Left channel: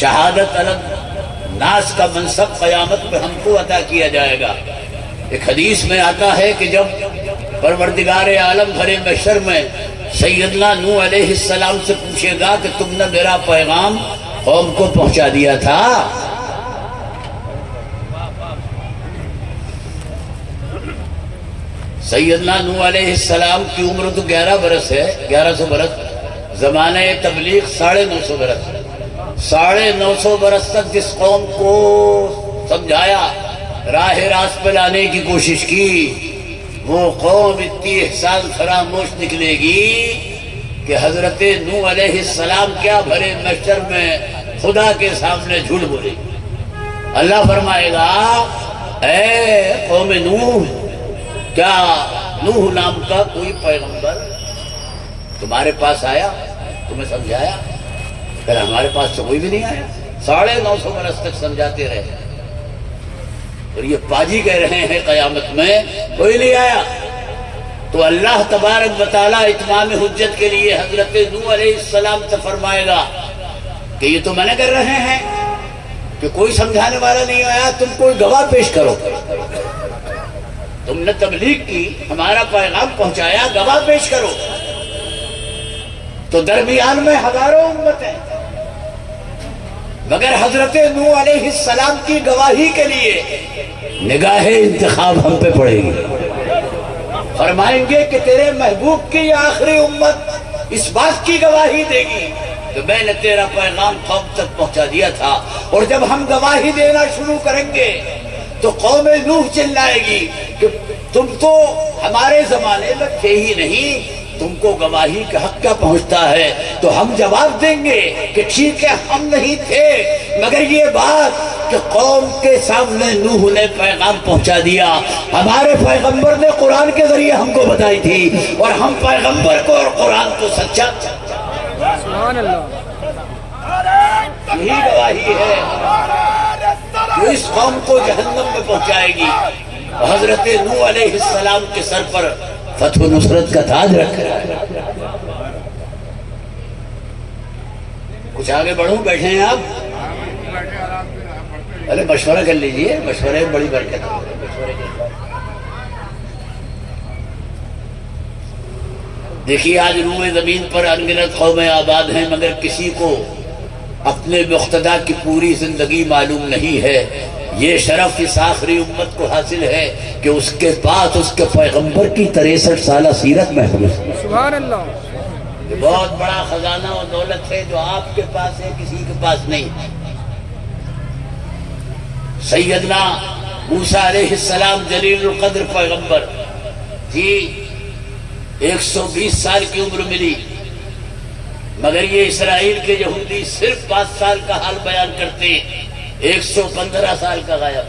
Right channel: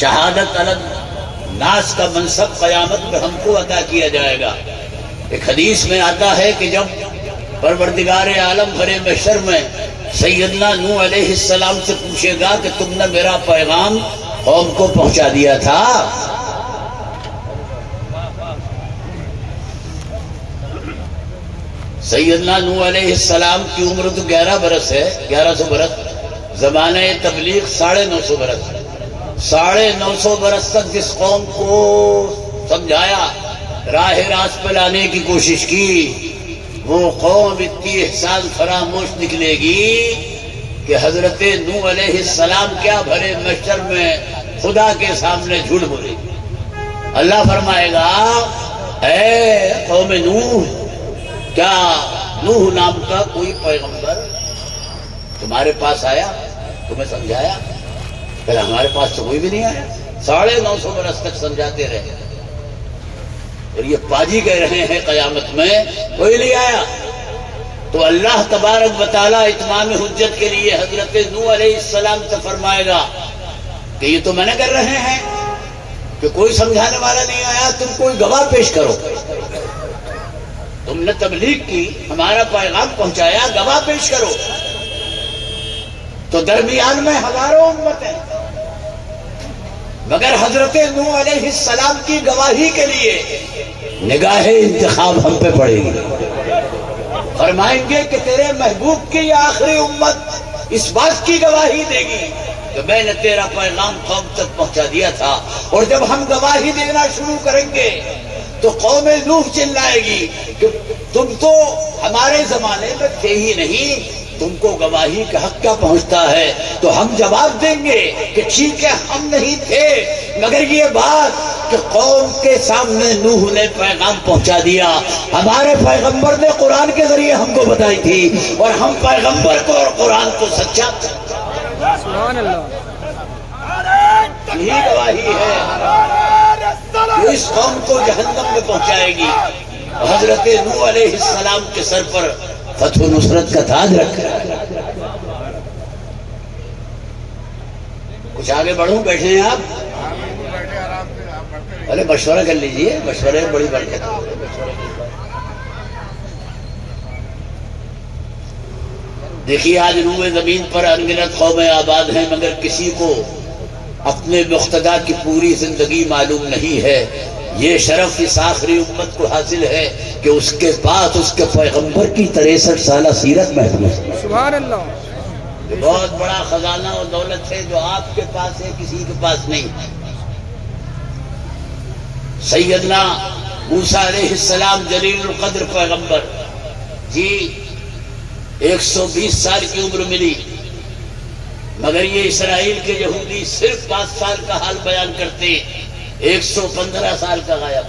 شہادت علم ناس کا منصب قیامت پر ہم کو عطا کیا جائے گا۔ ایک حدیث میں آتا ہے کہ جب پروردگار عالم بھرے محشر میں سیدنا نوح علیہ السلام سے پوچھے گا کہ تم نے میرا پیغام قوم کو پہنچا دیا تھا؟ سیدنا نوح علیہ السلام کی عمر تو 11 برس ہے، 1100 برس، زمانہ تبلیغ 950 برس، 950 برس تک جس قوم کو سمجھایا، راہ راست پہ لانے کی کوشش کی، وہ قوم اتنی احسان فراموش نکلے گی کہ حضرت نوح علیہ السلام کیا بھرے محشر میں خدا کے سامنے جھوٹ بولے گی۔ اللہ فرمائے گا اے قوم نوح، کیا نوح نام کا کوئی پیغمبر تمہارے پاس آیا، تمہیں سمجھایا؟ کہ ہمارے پاس تو کوئی بھی نہیں آیا، 950 برس تک سمجھاتے رہے، اور یہ پاجی کہہ رہے ہیں قیامت میں کوئی نہیں آیا۔ تو اللہ تبارک و تعالیٰ اتمام حجت کے لیے حضرت نوح علیہ السلام سے فرمائے گا کہ یہ تو منع کر رہے ہیں کہ کوئی سمجھانے والا نہیں آیا، تم کوئی گواہ پیش کرو، تم نے تبلیغ کی، ہمارا پیغام پہنچایا، گواہ پیش کرو۔ تو درمیان میں ہزاروں امتیں، مگر حضرت نوح علیہ السلام کی گواہی کے لیے نگاہ انتخاب ہم پہ پڑے گی۔ فرمائیں گے کہ تیرے محبوب کی یہ آخری امت اس بات کی گواہی دے گی کہ میں نے تیرا پیغام قوم تک پہنچا دیا تھا، اور جب ہم گواہی دینا شروع کریں گے تو قوم نوح چلائے گی کہ تم تو ہمارے زمانے میں تھے ہی نہیں، تم کو گواہی کا حق کیا پہنچتا ہے؟ تو ہم جواب دیں گے کہ ٹھیک ہے ہم نہیں تھے، مگر یہ بات کہ قوم کے سامنے نوح نے پیغام پہنچا دیا، ہمارے پیغمبر نے قرآن کے ذریعے ہم کو بتائی تھی، اور ہم پیغمبر کو اور قرآن کو سچا، سبحان اللہ، یہی گواہی ہے جو اس قوم کو جہنم میں پہنچائے گی۔ حضرت نوح علیہ السلام کے سر پر فتح و نصرت کا تاج رکھا۔ کچھ آگے بڑھوں، بیٹھے ہیں آپ؟ ارے مشورہ کر لیجئے، مشورے بڑی برکت ہے۔ دیکھیے آج روئے زمین پر انگنت قومیں آباد ہیں، مگر کسی کو اپنے مقتدا کی پوری زندگی معلوم نہیں ہے۔ یہ شرف اس آخری امت کو حاصل ہے کہ اس کے پاس اس کے پیغمبر کی 63 سالہ سیرت محفوظ ہے۔ سبحان اللہ، بہت بڑا خزانہ اور دولت ہے جو آپ کے پاس ہے، کسی کے پاس نہیں۔ سیدنا موسیٰ علیہ السلام جلیل القدر پیغمبر جی 120 سال کی عمر ملی، مگر یہ اسرائیل کے یہودی صرف 5 سال کا حال بیان کرتے ہیں، 115 سال کا غائب۔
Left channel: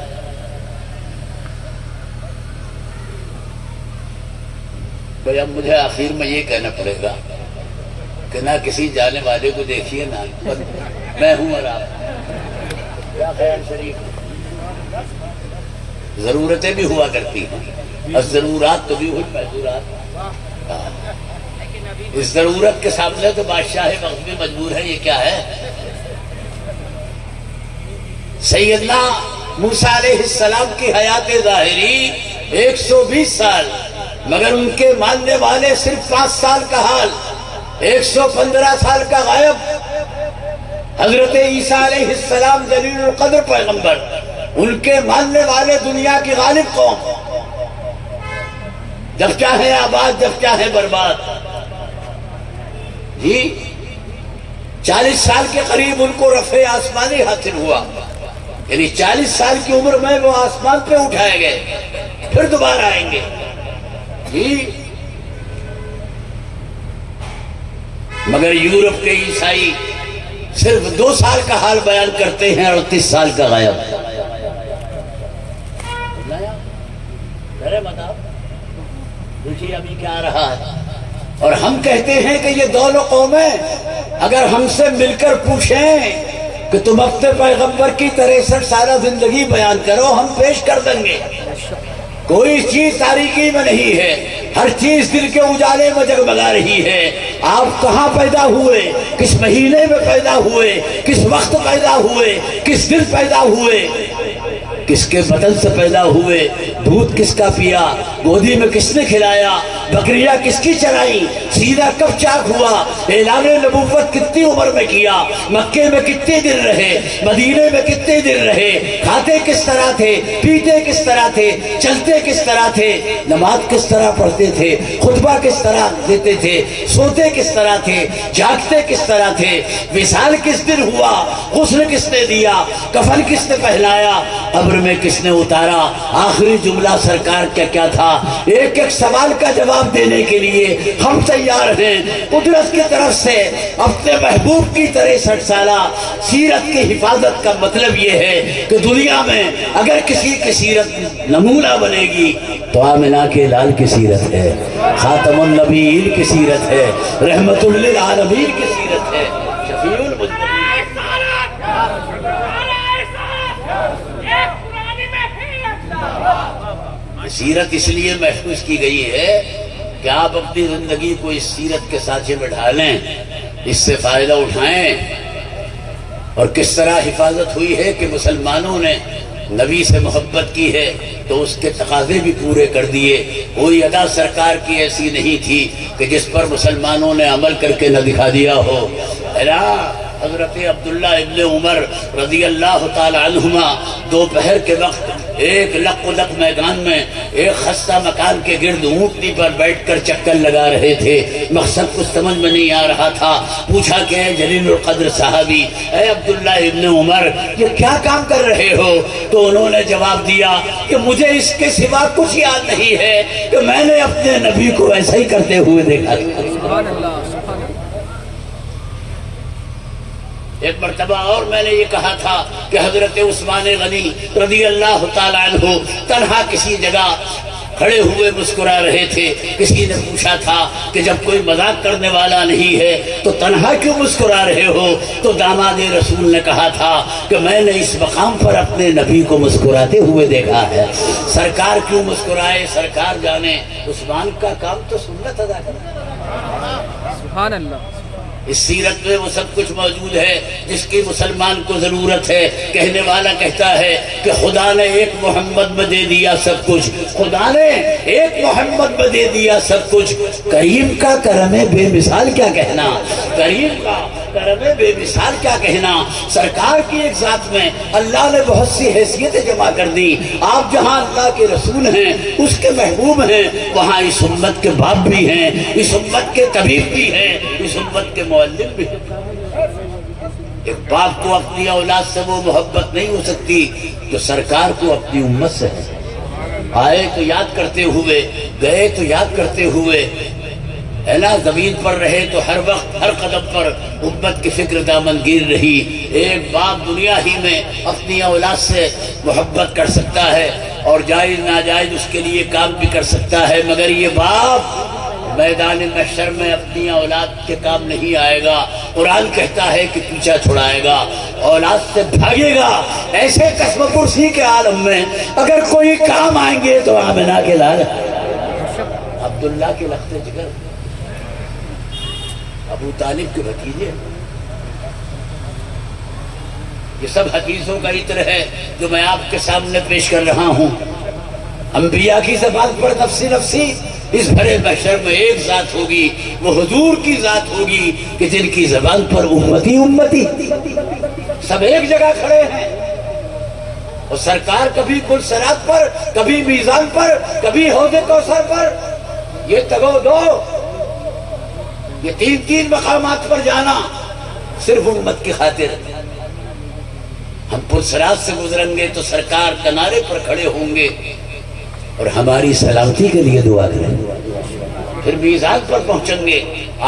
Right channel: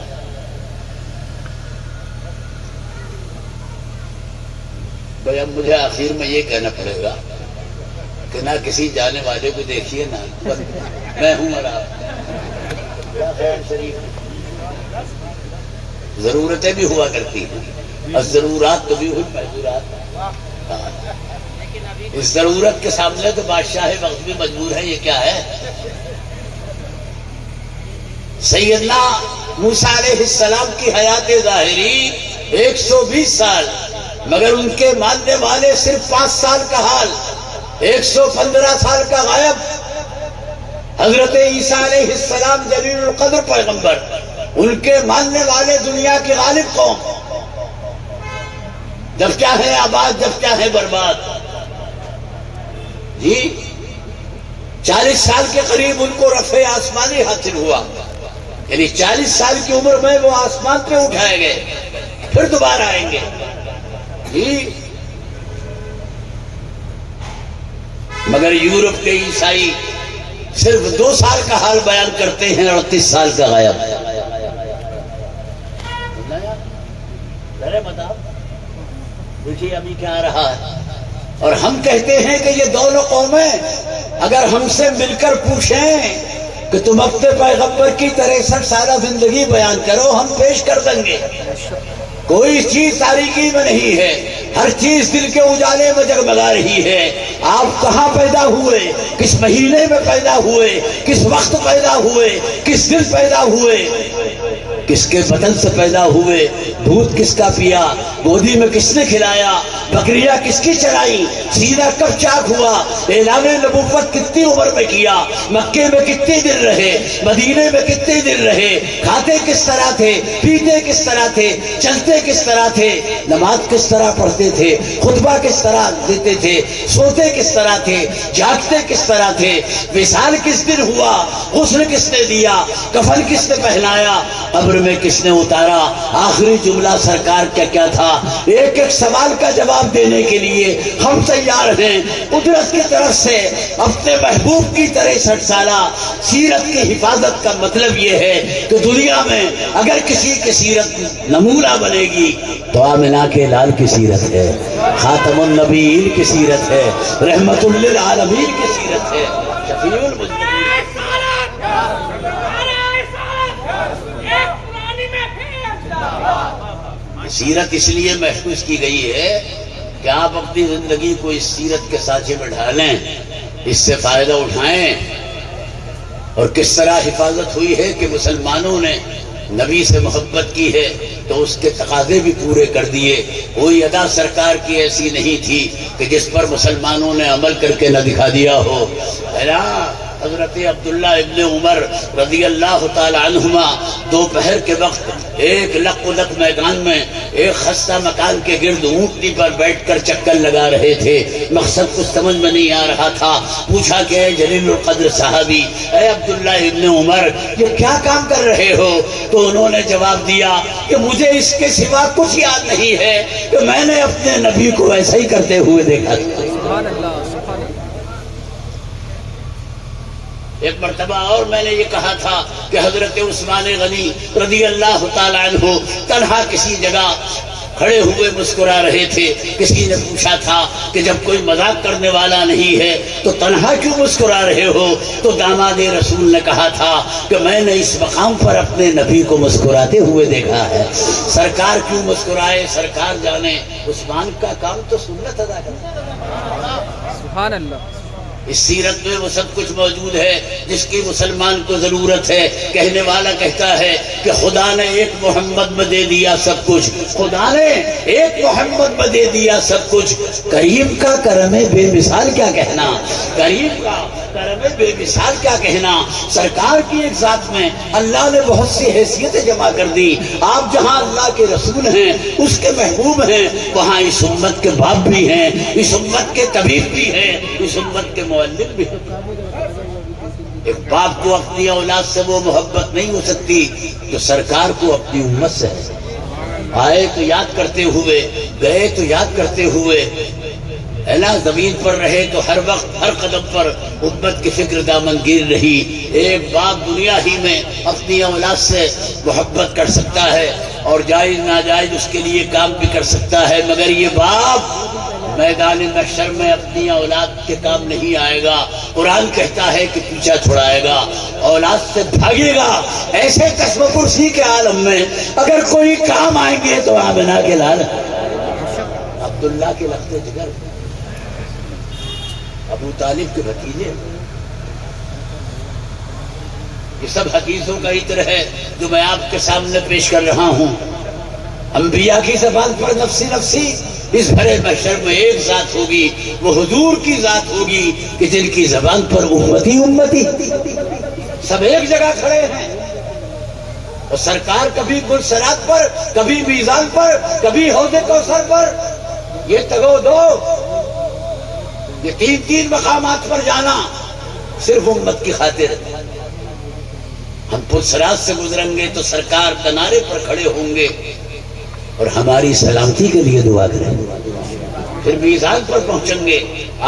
بھائی اب مجھے آخر میں یہ کہنا پڑے گا کہ نہ کسی جانے والے کو دیکھیے، نہ میں ہوں اور آپ، کیا خیر شریف، ضرورتیں بھی ہوا کرتی ہیں، اور ضرورات تو بھی ہوئی محضورات۔ اس ضرورت کے سامنے تو بادشاہ وقت بھی مجبور ہے، یہ کیا ہے؟ سیدنا موسیٰ علیہ السلام کی حیات ظاہری 120 سال، مگر ان کے ماننے والے صرف 5 سال کا حال، 115 سال کا غائب۔ حضرت عیسیٰ علیہ السلام جلیل القدر پیغمبر، ان کے ماننے والے دنیا کی غالب قوم، جب چاہے آباد جب چاہے برباد۔ جی 40 سال کے قریب ان کو رفع آسمانی حاصل ہوا، یعنی 40 سال کی عمر میں وہ آسمان پہ اٹھائے گئے، پھر دوبارہ آئیں گے۔ جی مگر یورپ کے عیسائی صرف 2 سال کا حال بیان کرتے ہیں اور 30 سال کا غائب۔ دیکھیے ابھی کیا رہا ہے، اور ہم کہتے ہیں کہ یہ دونوں قومیں اگر ہم سے مل کر پوچھیں کہ تم اپنے پیغمبر کی 63 سالہ زندگی بیان کرو، ہم پیش کر دیں گے۔ کوئی چیز تاریکی میں نہیں ہے، ہر چیز دل کے اجالے میں جگمگا رہی ہے۔ آپ کہاں پیدا ہوئے، کس مہینے میں پیدا ہوئے، کس وقت پیدا ہوئے، کس دن پیدا ہوئے، کس کے بدن سے پیدا ہوئے، دودھ کس کا پیا، گودی میں کس نے کھلایا، بکریاں کس کی چرائی، سینہ کب چاک ہوا، اعلان نبوت کتنی عمر میں کیا، مکے میں کتنے دن رہے، مدینے میں کتنے دن رہے، کھاتے کس طرح تھے، پیتے کس طرح تھے، چلتے کس طرح تھے، نماز کس طرح پڑھتے تھے، خطبہ کس طرح دیتے تھے، سوتے کس طرح تھے، جاگتے کس طرح تھے، وصال کس دن ہوا، غسل کس نے دیا، کفن کس نے پہنایا، قبر میں کس نے اتارا، آخری جملہ سرکار کیا تھا۔ ایک ایک سوال کا جواب دینے کے لیے ہم تیار ہیں۔ قدرت کی طرف سے اپنے محبوب کی طرح 60 سالہ سیرت کی حفاظت کا مطلب یہ ہے کہ دنیا میں اگر کسی کی سیرت نمونہ بنے گی تو آمنہ کے لال کی سیرت ہے، خاتم النبیین کی سیرت ہے، رحمت للعالمین کی سیرت ہے، شفیع المذنبین۔ سیرت اس لیے محفوظ کی گئی ہے کہ آپ اپنی زندگی کو اس سیرت کے سانچے میں ڈھالیں، اس سے فائدہ اٹھائیں۔ اور کس طرح حفاظت ہوئی ہے کہ مسلمانوں نے نبی سے محبت کی ہے تو اس کے تقاضے بھی پورے کر دیے۔ کوئی ادا سرکار کی ایسی نہیں تھی کہ جس پر مسلمانوں نے عمل کر کے نہ دکھا دیا ہو۔ حضرت عبداللہ ابن عمر رضی اللہ تعالی عنہما دوپہر کے وقت ایک لق میدان میں ایک خستہ مکان کے گرد اونٹنی پر بیٹھ کر چکر لگا رہے تھے۔ مقصد کچھ سمجھ میں نہیں آ رہا تھا۔ پوچھا کہ اے جلیل القدر صحابی، اے عبداللہ ابن عمر، یہ کیا کام کر رہے ہو؟ تو انہوں نے جواب دیا کہ مجھے اس کے سوا کچھ یاد نہیں ہے کہ میں نے اپنے نبی کو ایسا ہی کرتے ہوئے دیکھا۔ سبحان اللہ، سبحان اللہ۔ ایک مرتبہ اور میں نے یہ کہا تھا کہ حضرت عثمان غنی رضی اللہ تعالی عنہ تنہا کسی جگہ کھڑے ہوئے مسکرا رہے تھے۔ کسی نے پوچھا تھا کہ جب کوئی مذاق کرنے والا نہیں ہے تو تنہا کیوں مسکرا رہے ہو؟ تو داماد رسول نے کہا تھا کہ میں نے اس مقام پر اپنے نبی کو مسکراتے ہوئے دیکھا ہے۔ سرکار کیوں مسکرائے سرکار جانے، عثمان کا کام تو سنت ادا کرنا۔ سبحان اللہ۔ اس سیرت میں وہ سب کچھ موجود ہے جس کی مسلمان کو ضرورت ہے۔ کہنے والا کہتا ہے کہ خدا نے ایک محمد میں دے دیا سب کچھ، خدا نے ایک محمد میں دے دیا سب کچھ۔ کریم کا کرم بے مثال کیا کہنا، کریم کا کرم بے مثال کیا کہنا۔ سرکار کی ایک ذات میں اللہ نے بہت سی حیثیتیں جمع کر دی۔ آپ جہاں اللہ کے رسول ہیں، اس کے محبوب ہیں، وہاں اس امت کے باپ بھی ہیں، اس امت کے طبیب بھی ہیں، اس امت کے معلم بھی ہیں۔ ایک باپ کو اپنی اولاد سے وہ محبت نہیں ہو سکتی جو سرکار کو اپنی امت سے ہے۔ آئے تو یاد کرتے ہوئے، گئے تو یاد کرتے ہوئے، ہے نا، زمین پر رہے تو ہر وقت ہر قدم پر امت کی فکر دامنگیر رہی۔ ایک باپ دنیا ہی میں اپنی اولاد سے محبت کر سکتا ہے اور جائز ناجائز اس کے لیے کام بھی کر سکتا ہے، مگر یہ باپ میدان محشر میں اپنی اولاد کے کام نہیں آئے گا۔ قرآن کہتا ہے کہ پیچھا چھڑائے گا، اولاد سے بھاگے گا۔ ایسے قسم کرسی کے عالم میں اگر کوئی کام آئیں گے تو آمنہ کے لال، عبداللہ کے لخت جگر، ابو طالب کے بھتیجے۔ یہ سب حدیثوں کا عطر ہے جو میں آپ کے سامنے پیش کر رہا ہوں۔ انبیاء کی زبان پر نفسی نفسی، اس بھرے محشر میں ایک ذات ہوگی، وہ حضور کی ذات ہوگی کہ جن کی زبان پر امتی امتی، سب ایک جگہ کھڑے ہیں۔ اور سرکار کبھی پل صراط پر، کبھی میزان پر، کبھی حوض کوثر پر، یہ تگو دو، یہ تین مقامات پر جانا صرف امت کی خاطر۔ ہم پل صراط سے گزریں گے تو سرکار کنارے پر کھڑے ہوں گے اور ہماری سلامتی کے لیے دعا کریں گے۔ پھر میزان پر پہنچیں گے،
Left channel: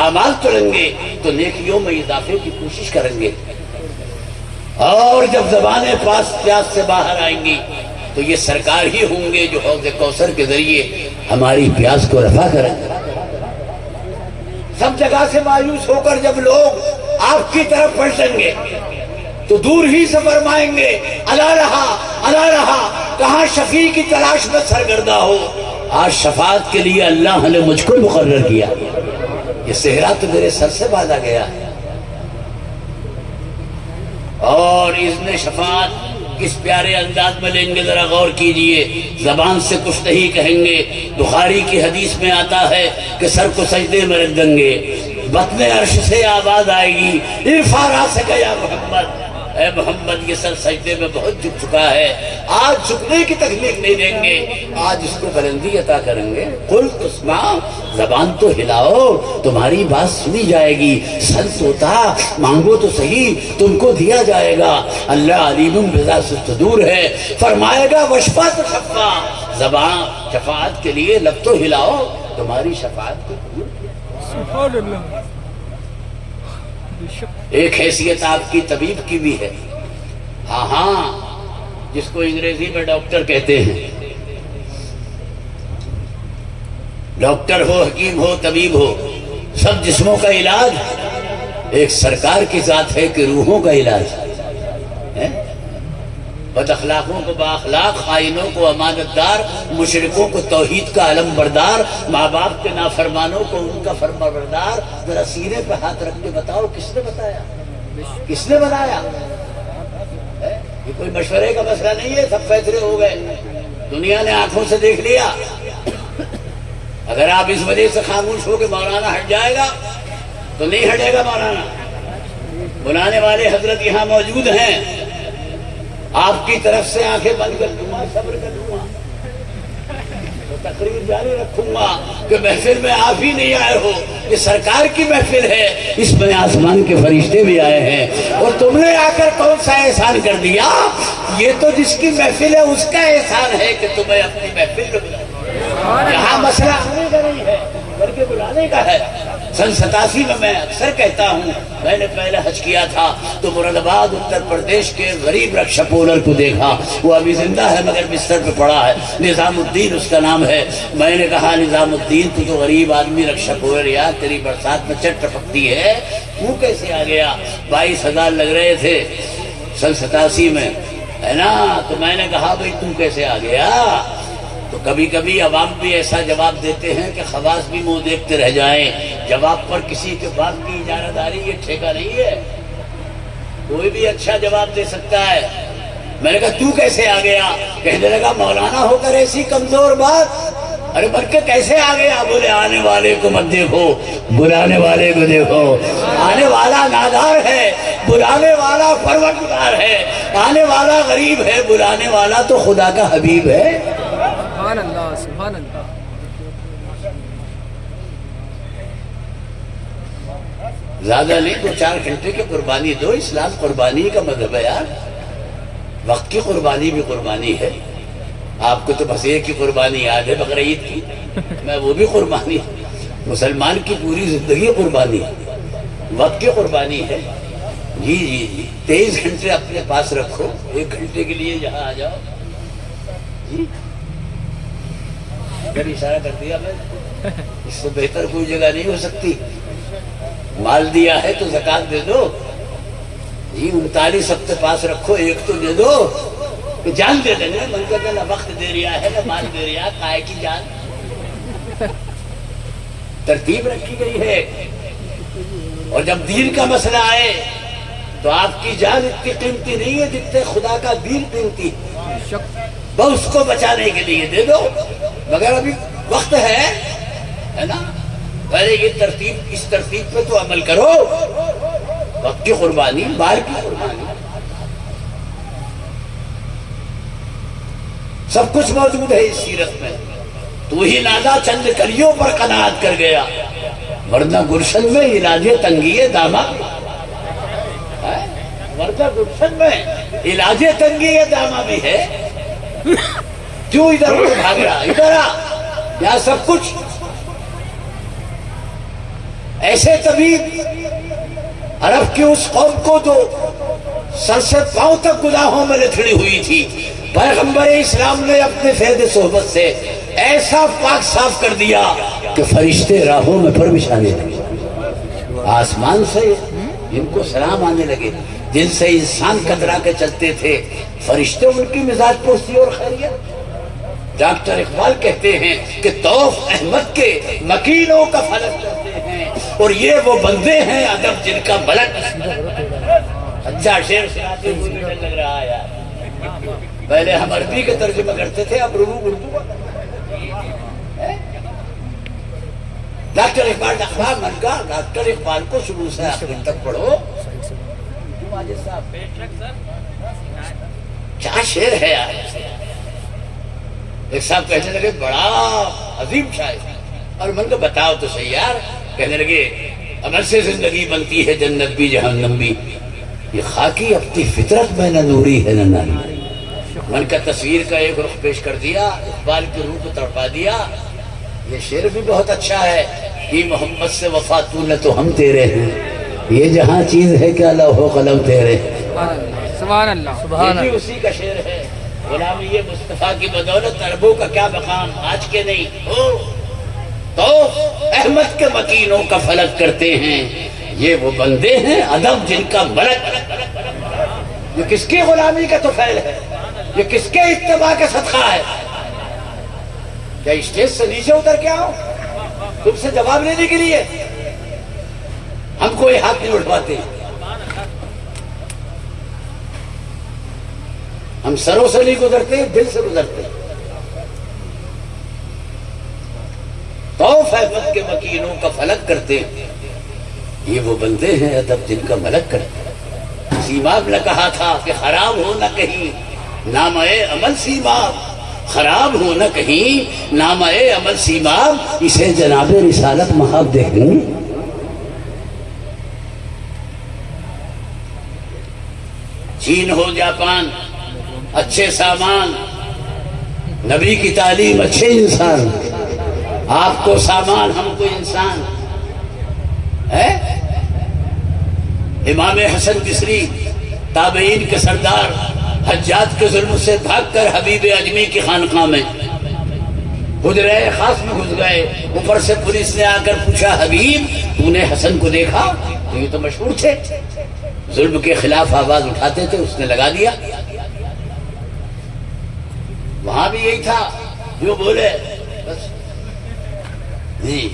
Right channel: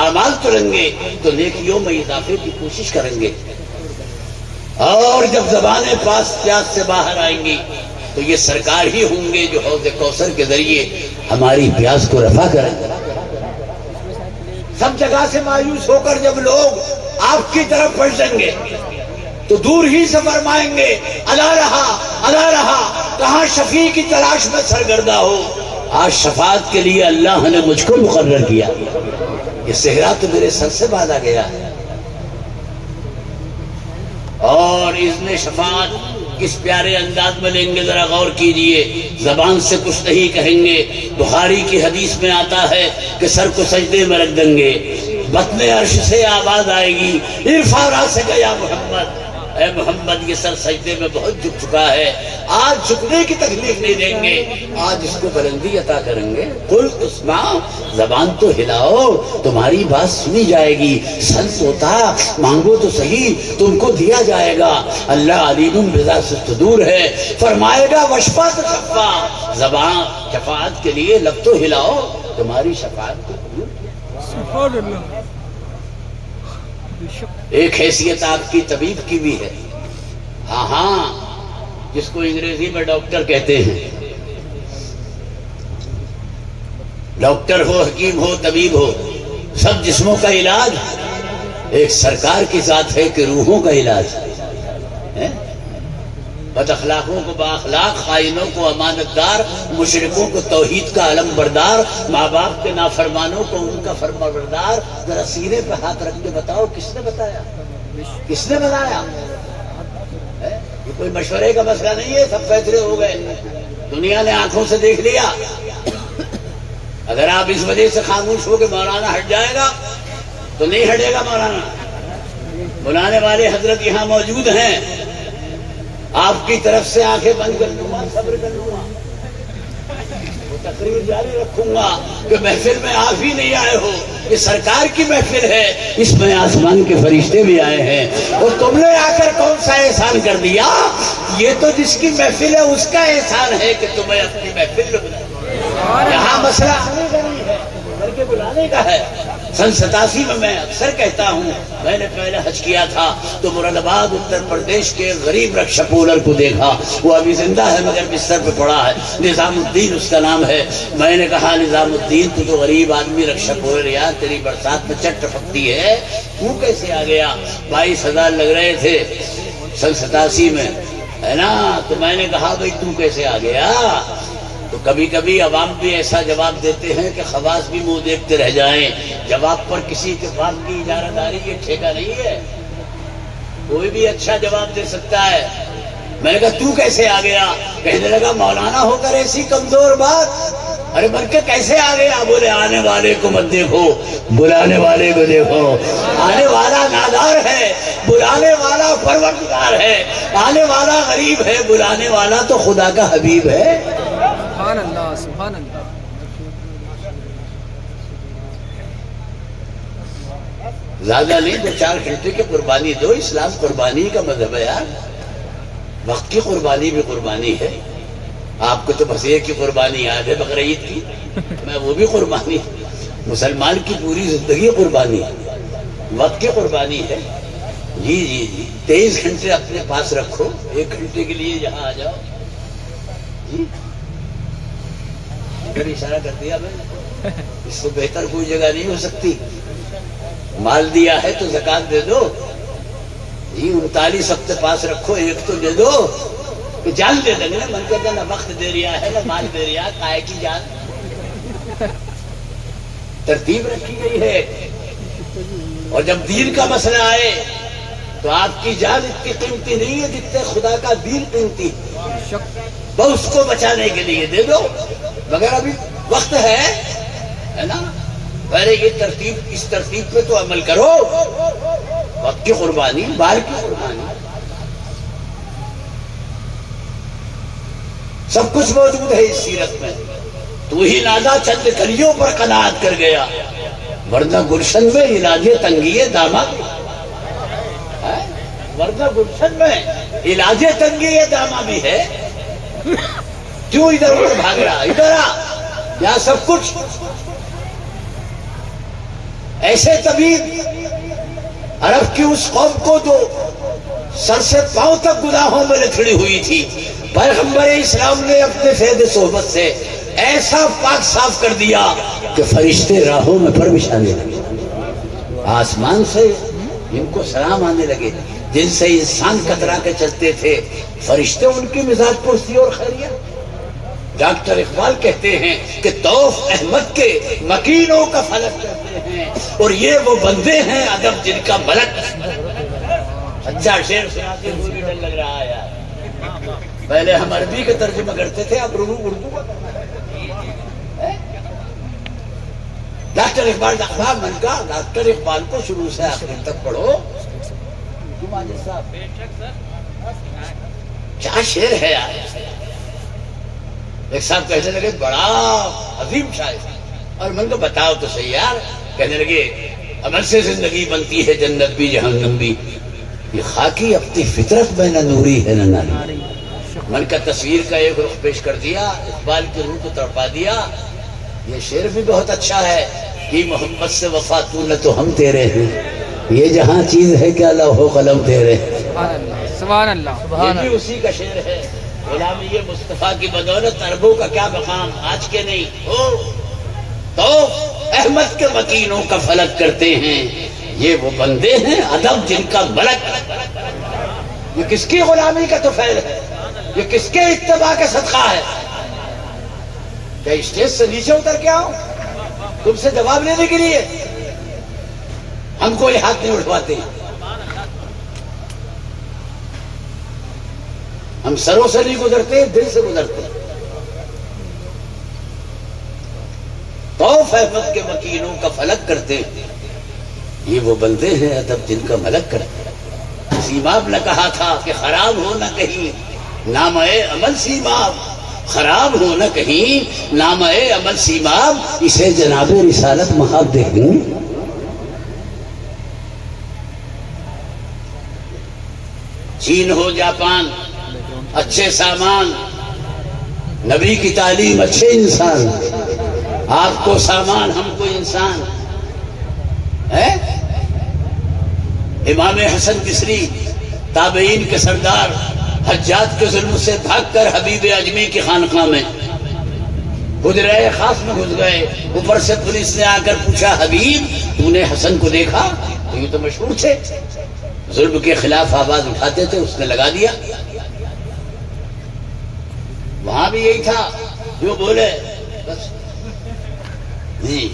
اعمال تولیں گے تو نیکیوں میں اضافے کی کوشش کریں گے، اور جب زبانیں پیاس سے باہر آئیں گی تو یہ سرکار ہی ہوں گے جو حوض کوثر کے ذریعے ہماری پیاس کو رفع کریں گے۔ سب جگہ سے مایوس ہو کر جب لوگ آپ کی طرف پلٹیں گے تو دور ہی سے فرمائیں گے، الا رہا، کہاں شفیع کی تلاش میں سرگردہ ہو۔ آج شفاعت کے لیے اللہ نے مجھ کو مقرر کیا۔ یہ صحرا تو میرے سر سے باندھا گیا ہے، اور اذن شفاعت کس پیارے انداز میں لیں گے ذرا غور کیجئے. زبان سے کچھ نہیں کہیں گے. بخاری کی حدیث میں آتا ہے کہ سر کو سجدے میں رکھ دیں گے، بطن عرش سے آواز آئے گی ارفع راسک یا محمد، اے محمد یہ سر سجدے میں بہت جھک چکا ہے، آج جھکنے کی تکلیف نہیں دیں گے، آج اس کو بلندی عطا کریں گے. قل تسمع، زبان تو ہلاؤ، تمہاری بات سنی جائے گی. سل توتا، مانگو تو صحیح، تم کو دیا جائے گا. اللہ علیم بذات الصدور ہے، فرمائے گا وشفا تو شفا، زبان شفاعت کے لیے لب تو ہلاؤ، تمہاری شفاعت کو قبول کیا. سبحان اللہ. ایک حیثیت آپ کی طبیب کی بھی ہے. ہاں ہاں، جس کو انگریزی میں ڈاکٹر کہتے ہیں. ڈاکٹر ہو، حکیم ہو، طبیب ہو، سب جسموں کا علاج ایک سرکار کی ذات ہے کہ روحوں کا علاج ہے. بد اخلاقوں کو بااخلاق، خائنوں کو امانت دار، مشرکوں کو توحید کا علم بردار، ماں باپ کے نافرمانوں کو ان کا فرما بردار. ذرا سینے پہ ہاتھ رکھ کے بتاؤ کس نے بتایا، کس نے بنایا؟ یہ کوئی مشورے کا مسئلہ نہیں ہے، سب فیصلے ہو گئے، دنیا نے آنکھوں سے دیکھ لیا. اگر آپ اس وجہ سے خاموش ہو کے مولانا ہٹ جائے گا تو نہیں ہٹے گا مولانا. بلانے والے حضرت یہاں موجود ہیں، آپ کی طرف سے آنکھیں بند کر لوں گا، صبر کر لوں گا، وہ تقریر جاری رکھوں گا کہ محفل میں آپ ہی نہیں آئے ہو، یہ سرکار کی محفل ہے، اس میں آسمان کے فرشتے بھی آئے ہیں، اور تم نے آ کر کون سا احسان کر دیا؟ یہ تو جس کی محفل ہے اس کا احسان ہے کہ تمہیں اپنی محفل میں بلایا. یہاں مسئلہ آنے کا نہیں ہے بلکہ بلانے کا ہے. سن 87 میں اکثر کہتا ہوں، میں نے پہلے حج کیا تھا تو مراد آباد اتر پردیش کے غریب رکشا پولر کو دیکھا. وہ ابھی زندہ ہے مگر بستر پہ پڑا ہے، نظام الدین اس کا نام ہے. میں نے کہا نظام الدین تو جو غریب آدمی رکشا پولر یار تیری برسات میں چٹ ٹپکتی ہے، وہ کیسے آ گیا؟ 22,000 لگ رہے تھے سن 87 میں، ہے نا؟ تو میں نے کہا بھائی تو کیسے آ گیا؟ تو کبھی کبھی عوام بھی ایسا جواب دیتے ہیں کہ خواص بھی منہ دیکھتے رہ جائیں. جواب پر کسی کے بات کی اجارہ داری یہ ٹھیکہ نہیں ہے، کوئی بھی اچھا جواب دے سکتا ہے. میں نے کہا تو کیسے آ گیا؟ کہنے لگا مولانا ہو کر ایسی کمزور بات، ارے بلکہ کیسے آ گیا؟ بولے آنے والے کو مت دیکھو، بلانے والے کو دیکھو. آنے والا نادار ہے، بلانے والا پروردگار ہے. آنے والا غریب ہے، بلانے والا تو خدا کا حبیب ہے. سبحان اللہ، سبحان اللہ. زیادہ نہیں، 2-4 گھنٹے کی قربانی دو. اسلام قربانی کا مذہب ہے یار، وقت کی قربانی بھی قربانی ہے. آپ کو تو بس ایک کی قربانی یاد ہے بقرعید کی، میں وہ بھی قربانی. مسلمان کی پوری زندگی قربانی ہے، وقت کی قربانی ہے. جی جی جی 23 گھنٹے اپنے پاس رکھو، 1 گھنٹے کے لیے یہاں آ جاؤ. جی اگر اشارہ کر دیا میں، اس سے بہتر کوئی جگہ نہیں ہو سکتی. مال دیا ہے تو زکات دے دو. جی 39 اپنے پاس رکھو، 1 تو دے دو کہ جان دے دیں گے. من کہتا نہ وقت دے رہا ہے نہ مال دے رہا، کائے کی جان. ترتیب رکھی گئی ہے. اور جب دین کا مسئلہ آئے تو آپ کی جان اتنی قیمتی نہیں ہے جتنے خدا کا دین قیمتی. بس اس کو بچانے کے لیے دے دو، مگر ابھی وقت ہے نا. پہلے یہ ترتیب، اس ترتیب پہ تو عمل کرو. وقت کی قربانی، مال کی قربانی، سب کچھ موجود ہے اس سیرت میں. تو ہی نازا چند کلیوں پر قناعت کر گیا، ورنہ گلشن میں علاج تنگی داما، ورنہ گلشن میں علاج تنگی داما بھی ہے. کیوں ادھر ادھر بھاگا؟ ادھر آ، یہاں سب کچھ. ایسے طبیب عرب کی اس قوم کو جو سر سے پاؤں تک گناہوں میں لتھڑی ہوئی تھی، پیغمبر اسلام نے اپنے فیض صحبت سے ایسا پاک صاف کر دیا کہ فرشتے راہوں میں پر بچھانے لگے. آسمان سے ان کو سلام آنے لگے. جن سے انسان کترا کے چلتے تھے، فرشتے ان کی مزاج پرسی اور خیریت. ڈاکٹر اقبال کہتے ہیں کہ توف احمد کے مکینوں کا فلک کرتے ہیں، ہیں اور یہ وہ بندے ہیں ادب جن کا ملک. اچھا شعر سناتے ہوئے ڈر لگ رہا ہے یار. پہلے ہم عربی کے ترجمہ کرتے تھے، اب اردو کا. ڈاکٹر اقبال اخبار من کا ڈاکٹر اقبال کو شروع سے آخر تک پڑھو. کیا شعر ہے یار. ایک صاحب کہنے لگے بڑا عظیم شاعر، اور من کو بتاؤ تو صحیح یار. کہنے لگے عمل سے زندگی بنتی ہے جنت بھی جہنم بھی، یہ خاکی اپنی فطرت میں نہ نوری ہے نہ ناری. من کا تصویر کا ایک رخ پیش کر دیا، اقبال کی روح کو تڑپا دیا. یہ شعر بھی بہت اچھا ہے کہ محمد سے وفا تو نہ تو ہم تیرے ہیں، یہ جہاں چیز ہے کیا لوح و قلم تیرے. سبحان اللہ. یہ بھی اسی کا شعر ہے. غلامی یہ مصطفیٰ کی بدولت عربوں کا کیا مقام آج کے نہیں ہو تو احمد کے مکینوں کا فلک کرتے ہیں. یہ وہ بندے ہیں ادب جن کا ملک. یہ کس کی غلامی کا طفیل ہے؟ یہ کس کے اتباع کا صدقہ ہے؟ کیا اسٹیج سے نیچے اتر کے آؤ تم سے جواب لینے کے لیے؟ ہم کوئی ہاتھ نہیں اٹھواتے. ہم سروں سے نہیں گزرتے، دل سے گزرتے. طوف احمد کے مکینوں کا فلک کرتے ہیں. یہ وہ بندے ہیں ادب جن کا ملک کرتے ہیں. سیماب نے کہا تھا کہ خراب ہو نہ کہیں نام عمل سیماب، خراب ہو نہ کہیں نام عمل سیماب، اسے جناب رسالت محاب دے دیں. چین ہو جاپان اچھے سامان، نبی کی تعلیم اچھے انسان. آپ کو سامان ہم کو انسان ہے. امام حسن بصری تابعین کے سردار حجاج کے ظلم سے بھاگ کر حبیب اجمی کی خانقاہ میں حجرہ خاص میں گھس گئے. اوپر سے پولیس نے آ کر پوچھا حبیب تو نے حسن کو دیکھا؟ تو یہ تو مشہور تھے، ظلم کے خلاف آواز اٹھاتے تھے. اس نے لگا دیا. وہاں بھی یہی تھا جو بولے بس جی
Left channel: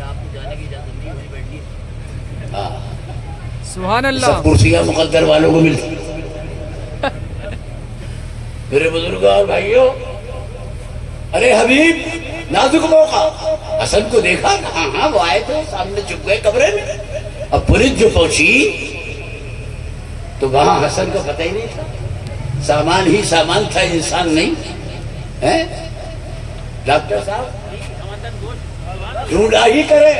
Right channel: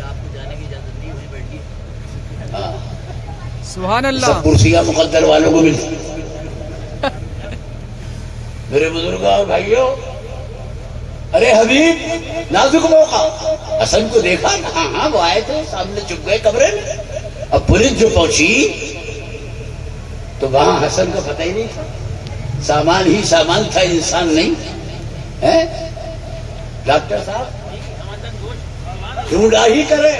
آپ کو جانے کی اجازت نہیں، وہیں بیٹھیے. سبحان اللہ. سب کرسیاں مقدر والوں کو ملتی. میرے بزرگوں اور بھائیوں، ارے حبیب نازک موقع، حسن کو دیکھا؟ ہاں وہ آئے تھے، سامنے چھپ گئے کمرے میں. اب پولیس جو پہنچی تو وہاں حسن کو پتہ ہی نہیں تھا. سامان ہی سامان تھا، انسان نہیں ہے. ڈاکٹر صاحب ڈھونڈا ہی کرے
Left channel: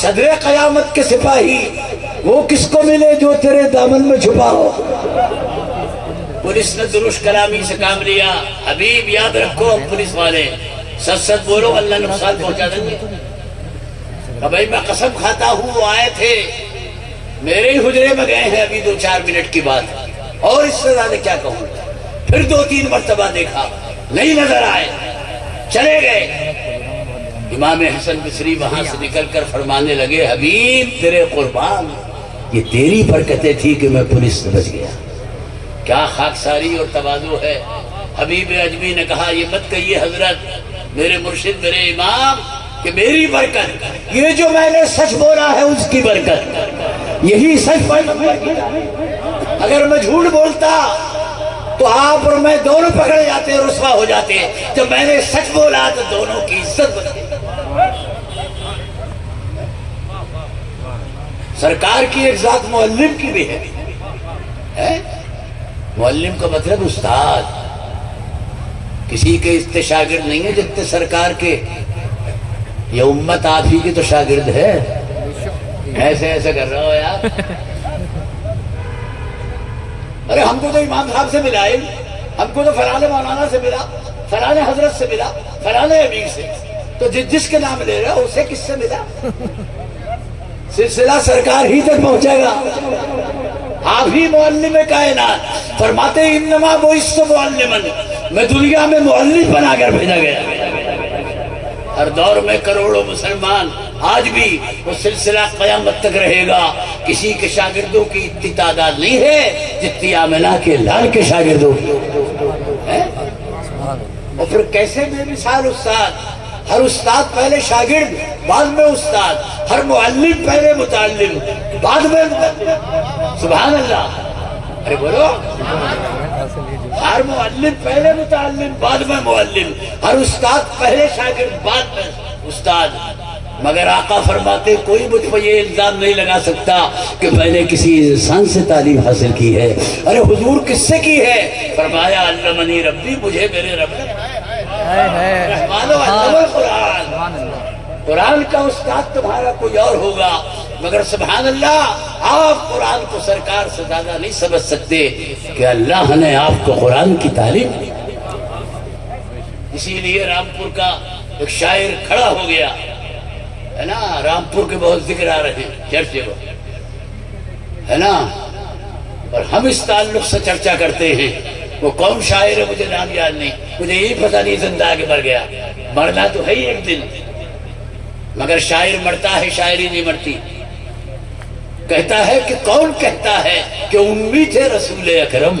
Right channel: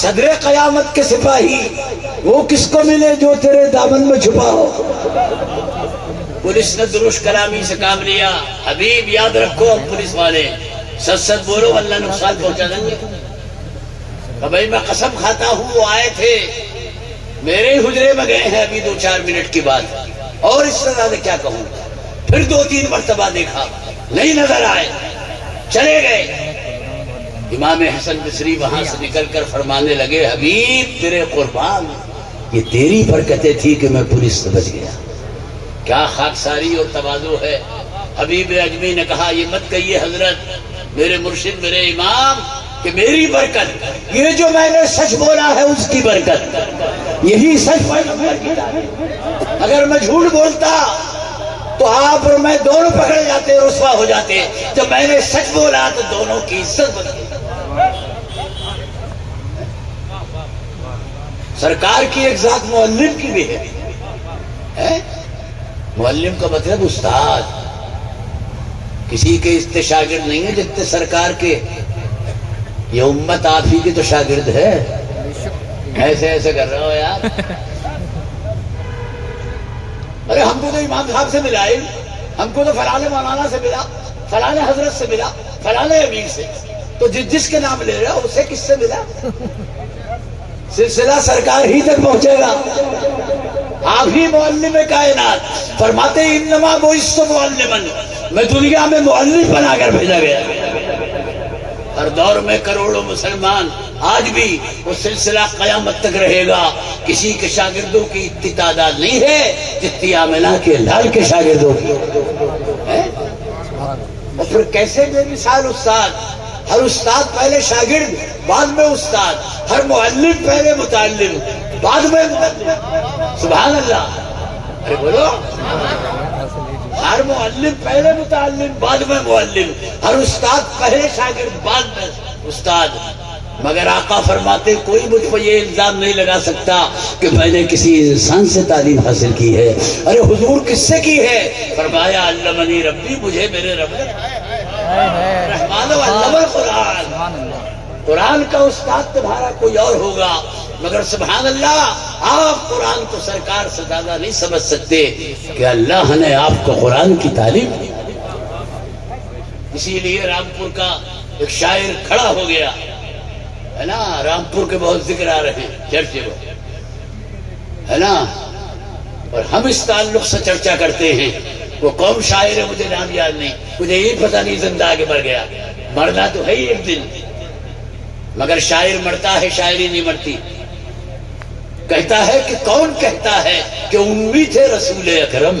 صدر قیامت کے سپاہی، وہ کس کو ملے جو تیرے دامن میں چھپا ہو. پولیس نے درست کلامی سے کام لیا. حبیب یاد رکھو اب پولیس والے سچ سچ بولو، اللہ نقصان پہنچا دیں گے. بھائی میں قسم کھاتا ہوں وہ آئے تھے، میرے ہی حجرے میں گئے ہیں ابھی 2-4 منٹ کی بات، اور اس سے زیادہ کیا کہوں. پھر 2-3 مرتبہ دیکھا، نہیں نظر آئے، چلے گئے. امام حسن بصری وہاں سے نکل کر فرمانے لگے حبیب تیرے قربان، یہ تیری برکتیں تھی کہ میں پولیس سے بچ گیا. کیا خاکساری اور تواضع ہے. حبیب اجمی نے کہا یہ مت کہیے حضرت، میرے مرشد میرے امام، کہ میری برکت، یہ جو میں نے سچ بولا ہے اس کی برکت، یہی سچ. اگر میں جھوٹ بولتا تو آپ اور میں دونوں پکڑے جاتے اور رسوا ہو جاتے. جب میں نے سچ بولا تو دونوں کی عزت بنتی. سرکار کی ایک ذات معلم کی بھی ہے. معلم کا مطلب استاد، کسی کے اتنے شاگرد نہیں ہے جتنے سرکار کے. یہ امت آپ ہی کی تو شاگرد ہے. ایسے ایسے کر رہا ہو یار. ارے ہم کو تو امام صاحب سے ملا، ہم کو تو فلانے مولانا سے ملا، فلانے حضرت سے ملا، فلانے امیر سے. تو جس کے نام لے رہے ہو اسے کس سے ملا؟ سلسلہ سرکار ہی تک پہنچے گا. آپ ہی معلم کائنات. فرماتے انما بعثت معلما، میں دنیا میں معلم بنا کر بھیجا گیا. ہر دور میں کروڑوں مسلمان، آج بھی وہ سلسلہ قیامت تک رہے گا. کسی کے شاگردوں کی اتنی تعداد نہیں ہے جتنی آمنہ کے لال کے شاگردوں کی. اور پھر کیسے بے مثال استاد، ہر استاد پہلے شاگرد بعد میں استاد، ہر معلم پہلے متعلم بعد میں معلم. سبحان اللہ. ارے بولو. ہر معلم پہلے متعلم بعد میں معلم، ہر استاد پہلے شاگرد بعد میں استاد. مگر آقا فرماتے کوئی مجھ پر یہ الزام نہیں لگا سکتا کہ میں نے کسی انسان سے تعلیم حاصل کی ہے. ارے حضور کس سے کی ہے؟ فرمایا علمنی ربی، مجھے میرے رب نے رحمان و علم القرآن. قرآن کا استاد تمہارا کوئی اور ہوگا، مگر سبحان اللہ آپ قرآن کو سرکار سے زیادہ نہیں سمجھ سکتے کہ اللہ نے آپ کو قرآن کی تعلیم دی. اسی لیے رامپور کا ایک شاعر کھڑا ہو گیا ہے نا. رامپور کے بہت ذکر آ رہے ہیں چرچے میں ہے نا، اور ہم اس تعلق سے چرچا کرتے ہیں. وہ کون شاعر ہے مجھے نام یاد نہیں، مجھے یہ پتہ نہیں زندہ آگے مر گیا. مرنا تو ہے ہی ایک دن، مگر شاعر مرتا ہے، شاعری نہیں مرتی. کہتا ہے کہ کون کہتا ہے کہ امی تھے رسول اکرم.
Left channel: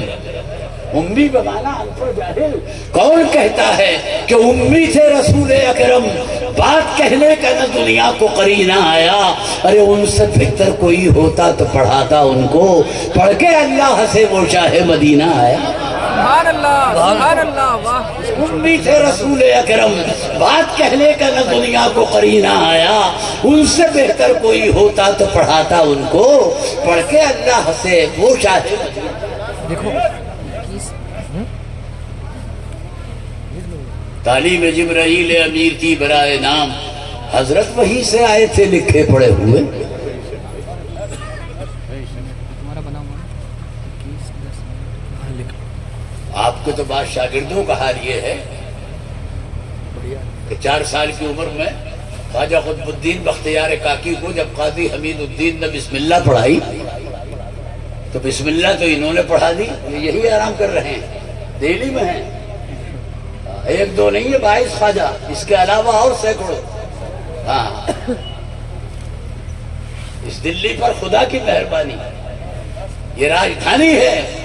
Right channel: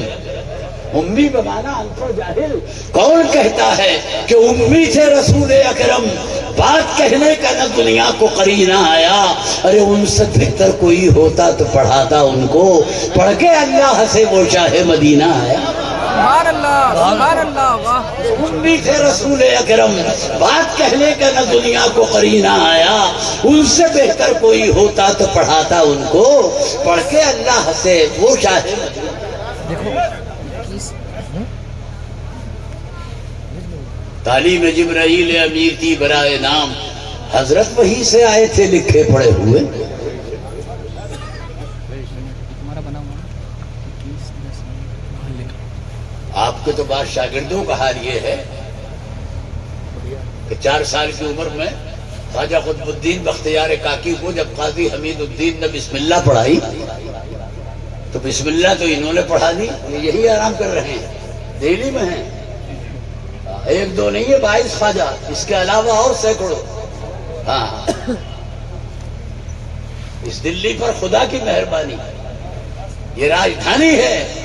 امی بمانا انپڑھ جاہل. کون کہتا ہے کہ امی تھے رسول اکرم، بات کہنے کا نہ دنیا کو قرینہ آیا. ارے ان سے بہتر کوئی ہوتا تو پڑھاتا ان کو، پڑھ کے اللہ سے وہ شاہ مدینہ آیا. سبحان اللہ سبحان اللہ. واہ. امی تھے رسول اکرم، بات کہنے کا نہ دنیا کو قرینہ آیا. ان سے بہتر کوئی ہوتا تو پڑھاتا ان کو، پڑھ کے اللہ سے وہ شاہ مدینہ. تعلیم جبرائیل امیر کی برائے نام، حضرت وہیں سے آئے تھے لکھے پڑے ہوئے. آپ کو تو بعض شاگردوں کا حال یہ ہے کہ 4 سال کی عمر میں خواجہ قطب الدین بختیار کاکی کو جب قاضی حمید الدین نے بسم اللہ پڑھائی تو بسم اللہ تو انہوں نے پڑھا دی. یہی آرام کر رہے ہیں، دہلی میں ہیں. ایک دو نہیں ہے، 22 خواجہ، اس کے علاوہ اور سینکڑوں. ہاں، اس دلی پر خدا کی مہربانی. یہ راجدھانی ہے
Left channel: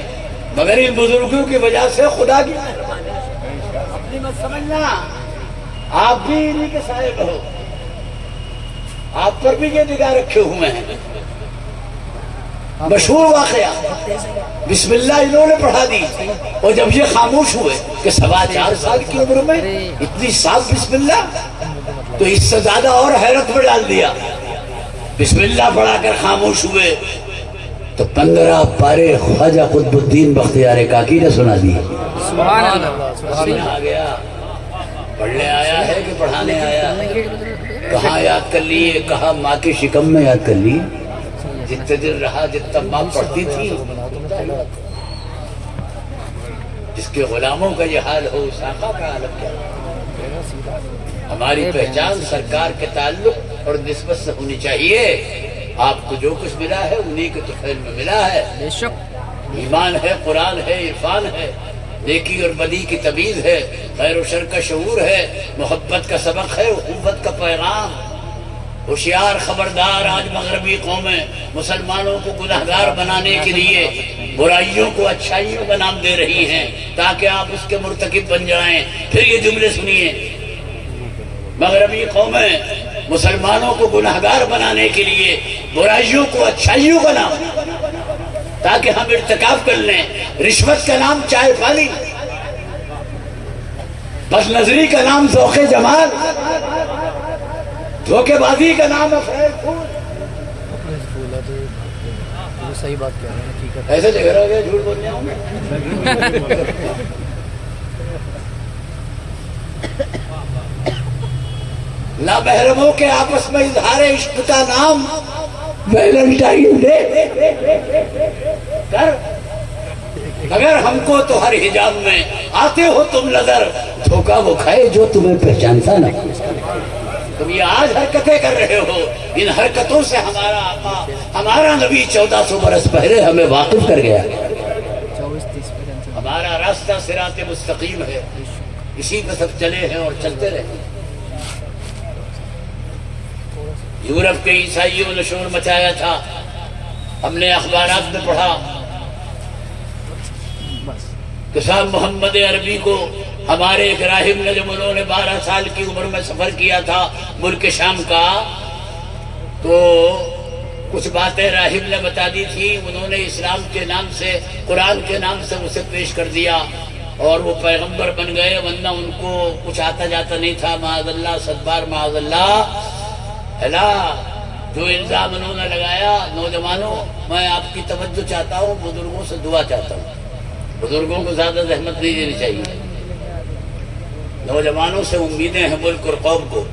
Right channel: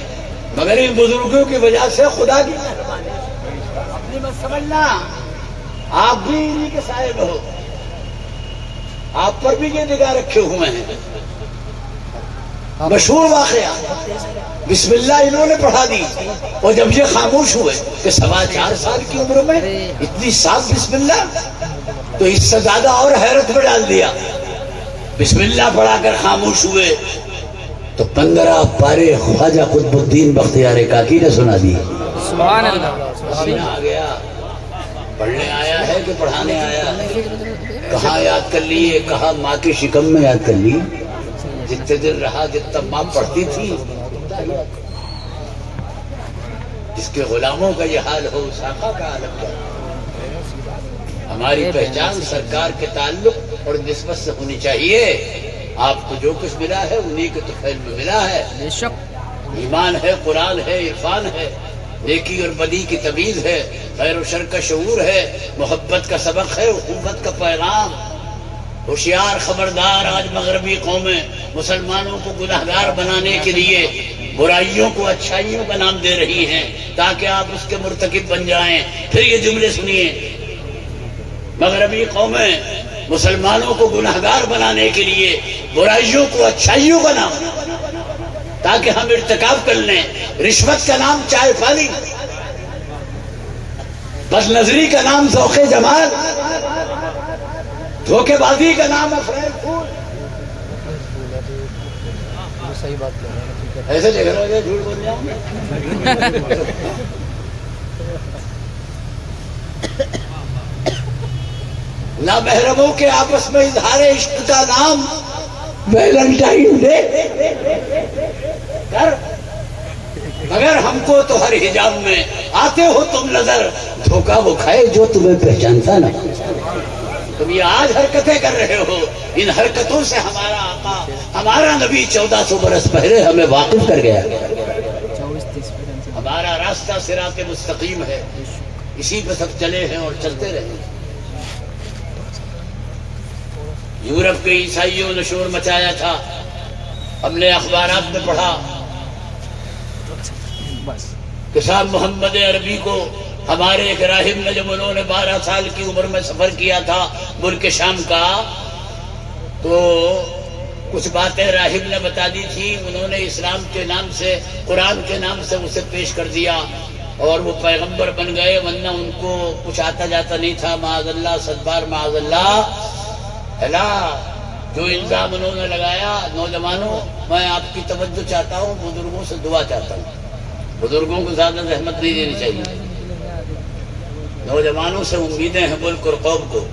مگر ان بزرگوں کی وجہ سے خدا کی مہربانی. اپنی مت سمجھنا، آپ بھی انہی کے سائے میں ہو، آپ پر بھی یہ نگاہ رکھے ہوئے ہیں. مشہور واقعہ، بسم اللہ انہوں نے پڑھا دی، اور جب یہ خاموش ہوئے کہ 4.25 سال کی عمر میں اتنی صاف بسم اللہ، تو اس سے زیادہ اور حیرت میں ڈال دیا. بسم اللہ پڑھا کر خاموش ہوئے تو 15 پارے خواجہ قطب الدین بختیار کاکی نے سنا دی. سبحان اللہ. آ گیا، پڑھنے آیا ہے کہ پڑھانے آیا؟ کہاں یاد کر لیے؟ کہا ماں کے شکم میں یاد کر لی. جتنے دن رہا جتنا ماں پڑھتی تھی. جس کے غلاموں کا یہ حال ہو اس آقا کا عالم کیا. ہماری پہچان سرکار کے تعلق اور نسبت سے ہونی چاہیے. آپ کو جو کچھ ملا ہے انہی کے طفیل میں ملا ہے. بے شک ایمان ہے، قرآن ہے، عرفان ہے، نیکی اور بدی کی تمیز ہے، خیر و شر کا شعور ہے، محبت کا سبق ہے، اخوت کا پیغام. ہوشیار خبردار، آج مغربی قومیں مسلمانوں کو گناہگار بنانے کے لیے برائیوں کو اچھائیوں کا نام دے رہی ہیں تاکہ آپ اس کے مرتکب بن جائیں. پھر یہ جملے سنیے، مغربی قومیں مسلمانوں کو گناہگار بنانے کے لیے برائیوں کو اچھائیوں کا نام تاکہ ہم ارتکاب کر لیں. رشوت کا نام چائے پانی، بد نظری کا نام ذوق جمال، دھوکے بازی کا نام افریل پھول. صحیح بات کر رہے ہیں. ایسے لکھ رہے ہیں جھوٹ بول جاؤں. نامحرموں کے آپس میں اظہار عشق کا نام ویلنٹائن ڈے کر. مگر ہم کو تو ہر حجاب میں آتے ہو تم نظر، دھوکہ وہ کھائے جو تمہیں پہچانتا نہ. تم یہ آج حرکتیں کر رہے ہو، ان حرکتوں سے ہمارا آقا، ہمارا نبی 1400 برس پہلے ہمیں واقف کر گیا. ہمارا راستہ صراط مستقیم ہے، اسی پہ سب چلے ہیں اور چلتے رہے. یورپ کے عیسائیوں نے شور مچایا تھا، ہم نے اخبارات میں پڑھا کہ صاحب محمد عربی کو ہمارے ایک راہب نے جب انہوں نے 12 سال کی عمر میں سفر کیا تھا ملک شام کا، تو کچھ باتیں راہب نے بتا دی تھی. انہوں نے اسلام کے نام سے، قرآن کے نام سے اسے پیش کر دیا اور وہ پیغمبر بن گئے، ورنہ ان کو کچھ آتا جاتا نہیں تھا. معاذ اللہ، صدبار معاذ اللہ. جو الزام انہوں نے لگایا، نوجوانوں میں آپ کی توجہ چاہتا ہوں، بزرگوں سے دعا چاہتا ہوں. بزرگوں کو زیادہ زحمت نہیں دینی چاہیے. نوجوانوں سے امیدیں ہیں ملک اور قوم کو.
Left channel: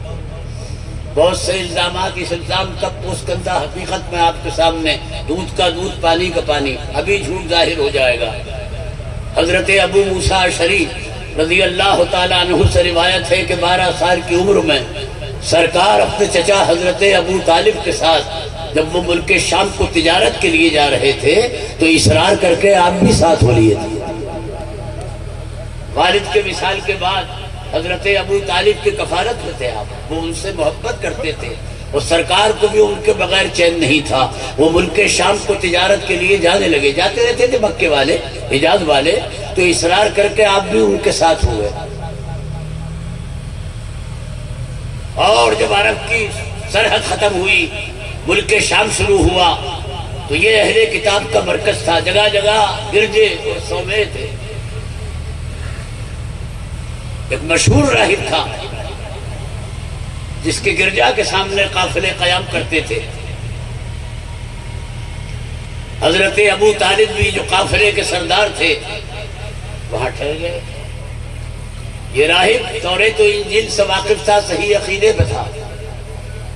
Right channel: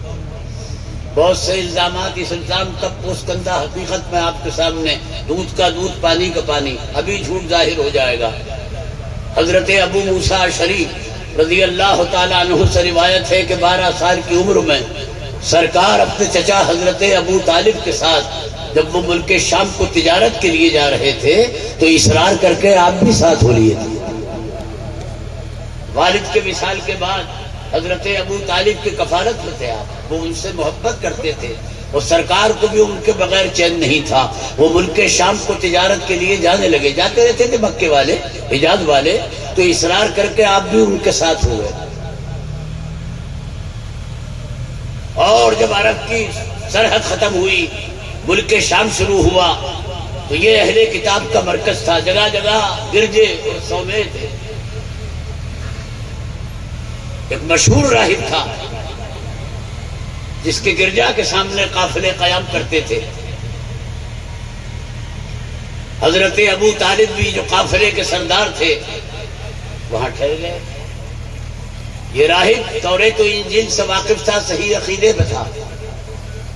بہت سے الزامات، اس الزام تک پوسکندا حقیقت میں آپ کے سامنے، دودھ کا دودھ، پانی کا پانی، ابھی جھوٹ ظاہر ہو جائے گا. حضرت ابو موسیٰ اشعری رضی اللہ تعالیٰ عنہ سے روایت ہے کہ 12 سال کی عمر میں سرکار اپنے چچا حضرت ابو طالب کے ساتھ جب وہ ملک شام کو تجارت کے لیے جا رہے تھے تو اصرار کر کے آپ بھی ساتھ ہو لیے تھے. والد کے وصال کے بعد حضرت ابو طالب کی کفالت میں تھے آپ، وہ ان سے محبت کرتے تھے اور سرکار کو بھی ان کے بغیر چین نہیں تھا. وہ ملک شام کو تجارت کے لیے جانے لگے، جاتے رہتے تھے مکے والے، حجاز والے، تو اصرار کر کے آپ بھی ان کے ساتھ ہوئے. اور جب عرب کی سرحد ختم ہوئی، ملک شام شروع ہوا، تو یہ اہل کتاب کا مرکز تھا. جگہ جگہ گرجے اور صومعے تھے. ایک مشہور راہب تھا جس کے گرجا کے سامنے قافلے قیام کرتے تھے. حضرت ابو طالب بھی جو قافلے کے سردار تھے وہاں ٹھہر گئے. یہ راہب توریت و انجیل سے واقف تھا، صحیح عقیدے پہ تھا،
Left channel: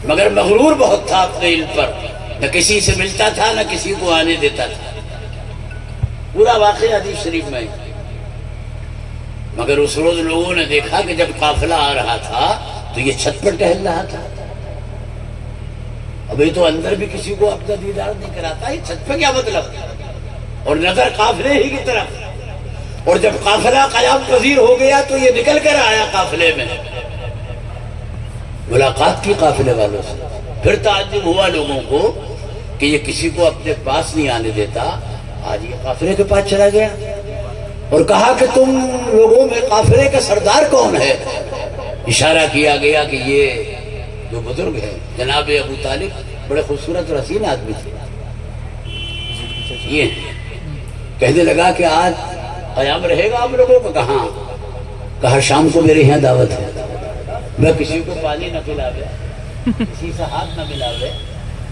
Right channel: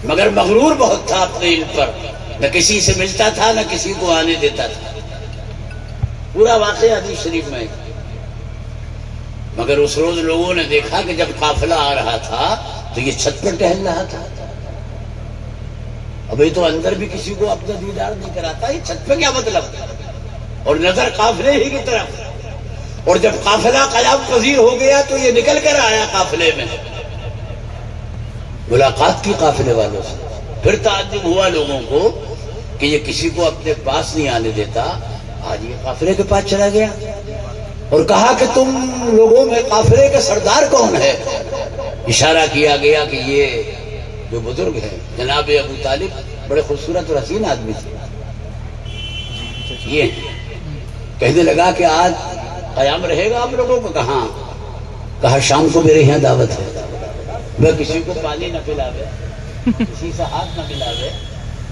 مگر مغرور بہت تھا اپنے علم پر. نہ کسی سے ملتا تھا، نہ کسی کو آنے دیتا تھا. پورا واقعہ حدیث شریف میں. مگر اس روز لوگوں نے دیکھا کہ جب قافلہ آ رہا تھا تو یہ چھت پر ٹہل رہا تھا. ابھی تو اندر بھی کسی کو اپنا دیدار نہیں کراتا، یہ چھت پہ کیا مطلب؟ اور نظر قافلے ہی کی طرف. اور جب قافلہ قیام پذیر ہو گیا تو یہ نکل کر آیا قافلے میں، ملاقات کی قافلے والوں سے. پھر تعجب ہوا لوگوں کو کہ یہ کسی کو اپنے پاس نہیں آنے دیتا. آج یہ قافلے کے پاس چلا گیا اور کہا کہ تم لوگوں میں قافلے کے سردار کون ہے؟ اشارہ کیا گیا کہ یہ جو بزرگ ہیں جناب ابو طالب، بڑے خوبصورت اور حسین آدمی تھے. یہ کہنے لگا کہ آج قیام رہے گا آپ لوگوں کو. کہا شام کو میرے یہاں دعوت ہے. میں کسی کو پانی نہ پلاوے، کسی سے ہاتھ نہ ملاوے،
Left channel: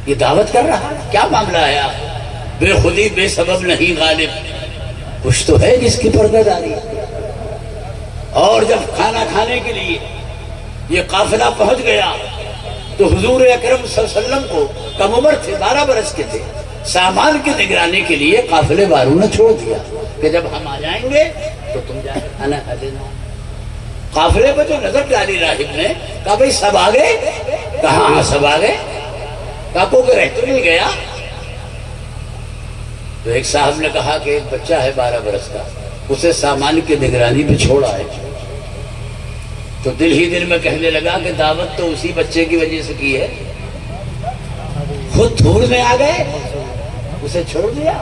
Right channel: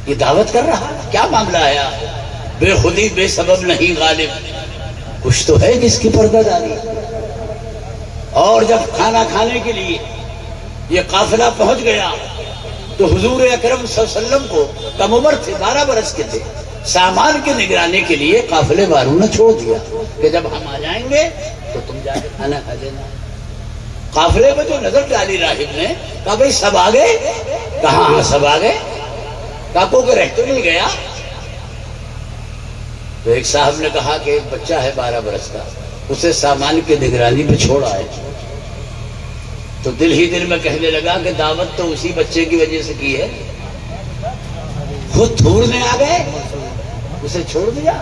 یہ دعوت کر رہا. کیا معاملہ آیا؟ بے خودی بے سبب نہیں غالب، کچھ تو ہے جس کی پردہ داری. اور جب کھانا کھانے کے لیے یہ قافلہ پہنچ گیا تو حضور اکرم صلی اللہ علیہ وسلم کو کم عمر تھے، 12 برس کے تھے. سامان کی نگرانی کے لیے قافلے والوں نے چھوڑ دیا کہ جب ہم آ جائیں گے تو تم جا کے کھانا کھا دینا. قافلے میں جو نظر ڈالی راہب نے، کہا بھئی سب آ گئے؟ کہاں سب آ گئے. کہا کوئی رہتے نہیں گیا. تو ایک صاحب نے کہا کہ ایک بچہ ہے 12 برس کا، اسے سامان کی نگرانی پہ چھوڑا ہے. تو دل ہی دل میں کہنے لگا کہ دعوت تو اسی بچے کی وجہ سے کی ہے. خود ڈھونڈنے آ گئے، اسے چھوڑ دیا.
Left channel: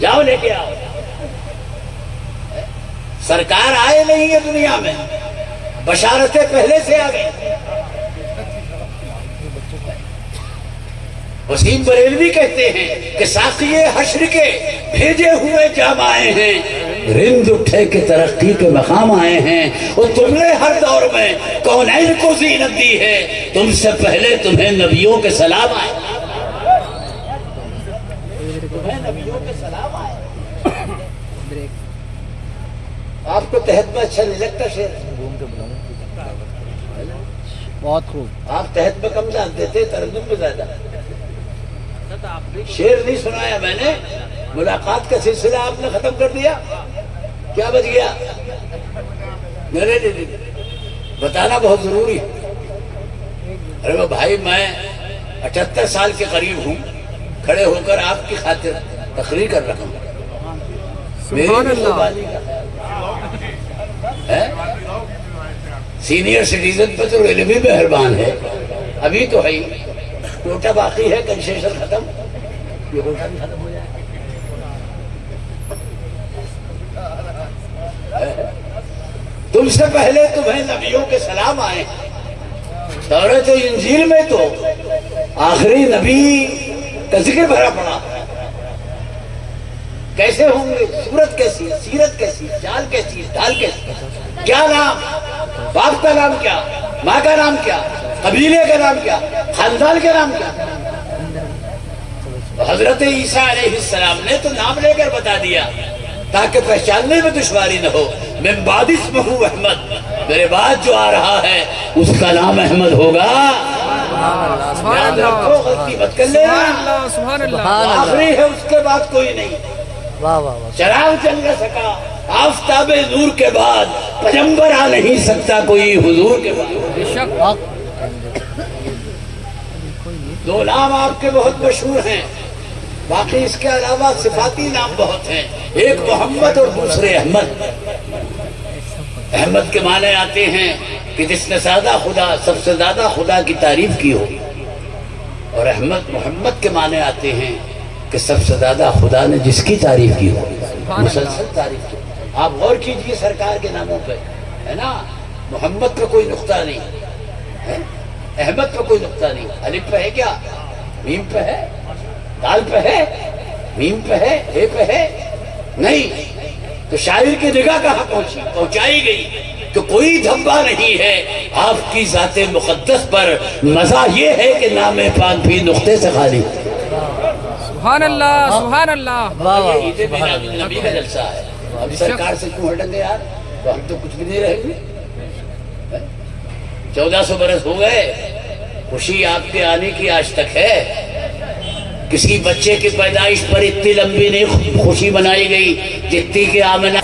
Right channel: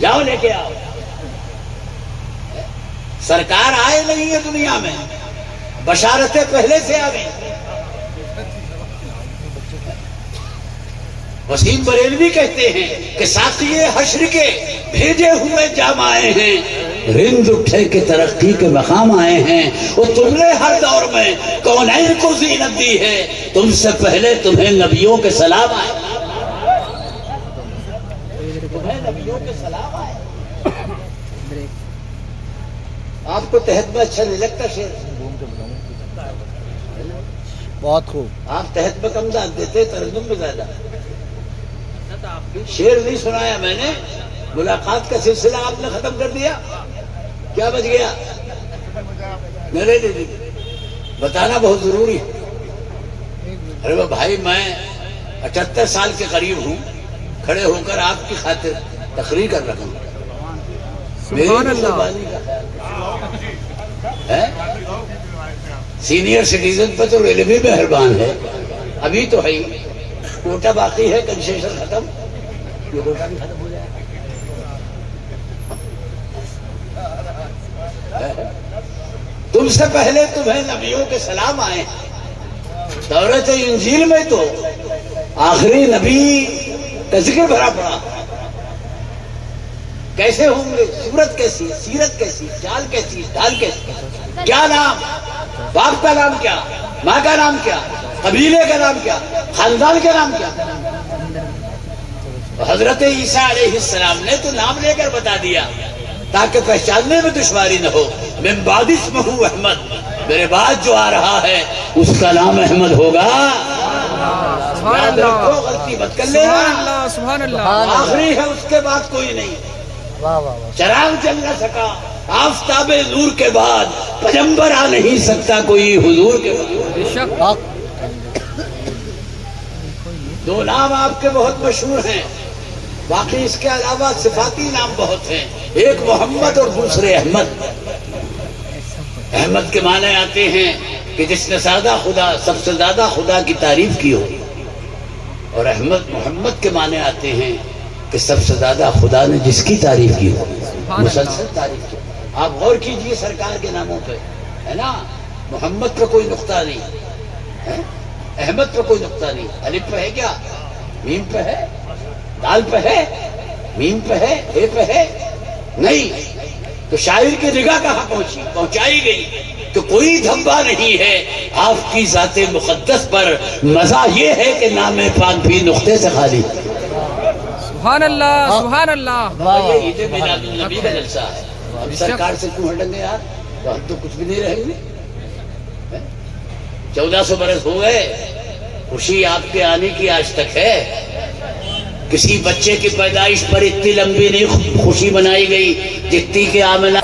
جاؤ لے کے آؤ. سرکار آئے نہیں ہے دنیا میں، بشارتیں پہلے سے آ گئی. وسیم بریلوی کہتے ہیں کہ ساقی حشر کے بھیجے ہوئے جام آئے ہیں، رند اٹھے کے ترقی کے مقام آئے ہیں. اور تم نے ہر دور میں کونین کو زینت دی ہے، تم سے پہلے تمہیں نبیوں کے سلام آئے. تمہیں نبیوں کے سلام آئے. آپ کو تحت میں اچھا نہیں لگتا شعر؟ بہت خوب. آپ تحت میں کم جانتے تھے، ترجم میں زیادہ. شعر نہیں سنایا میں نے، ملاقات کا سلسلہ آپ نے ختم کر دیا. کیا بچ گیا؟ میرے لیے بتانا بہت ضروری ہے. ارے بھائی میں 78 سال کے قریب ہوں، کھڑے ہو کر آپ کی خاطر تقریر کر رہا ہوں. سبحان اللہ. سینئر سٹیزن پر تو ریلوے مہربان ہے. ابھی تو ہے کوٹا باقی ہے، کنسیشن ختم، یہ کوٹا بھی ختم ہو جائے. تم سے پہلے تمہیں نبیوں کے سلام آئے ہیں. تورات انجیل میں تو آخری نبی کا ذکر بھرا پڑا. کیسے ہوں گے؟ صورت کیسی، سیرت کیسی، چال کیسی، ڈھال کیسی، کیا نام، باپ کا نام کیا، ماں کا نام کیا، قبیلے کا نام کیا، خاندان کا نام کیا. حضرت عیسیٰ علیہ السلام نے تو نام لے کر بتا دیا تاکہ پہچاننے میں دشواری نہ ہو. من بعد اسمہ احمد، میرے بعد جو آ رہا ہے اس کا نام احمد ہوگا. سبحان اللہ، غلطی مت کر لینا. سبحان اللہ، سبحان اللہ. آخری ہے، اس کے بعد کوئی نہیں. واہ واہ واہ. چراغ چل نہ سکا، آفتاب نور کے بعد پیغمبر آ نہیں سکتا کوئی حضور کے بعد. بے شک. دو نام آپ کے بہت مشہور ہیں، باقی اس کے علاوہ صفاتی نام بہت ہیں. ایک محمد اور دوسرے احمد. احمد کے معنی آتے ہیں کہ جس نے سب سے زیادہ خدا کی تعریف کی ہو. اور احمد محمد کے معنی آتے ہیں کہ سب سے زیادہ خدا نے جس کی تعریف کی ہو، مسلسل تعریف کی. آپ غور کیجئے سرکار کے ناموں پہ، ہے نا. محمد پہ کوئی نقطہ نہیں، احمد پہ کوئی نقطہ نہیں. الف پہ ہے کیا؟ میم پہ ہے؟ دال پہ ہے؟ میم پہ ہے؟ اے پہ ہے؟ نہیں. تو شاعر کی نگاہ کہاں پہنچائی گئی کہ کوئی دھبا نہیں ہے آپ کی ذات مقدس پر. مزہ یہ ہے کہ نام پاک بھی نقطے سے خالی. سبحان اللہ، سبحان اللہ. یہ عید میلاد النبی کا جلسہ ہے. اب سرکار سے کیوں ہٹیں گے یار؟ تو ہم تو کچھ بھی نہیں رہیں گے. 1400 برس ہو گئے، خوشی آپ کے آنے کی آج تک ہے. کسی بچے کی پیدائش پر اتنی لمبی نہیں خوشی منائی گئی جتنی کہ آمنہ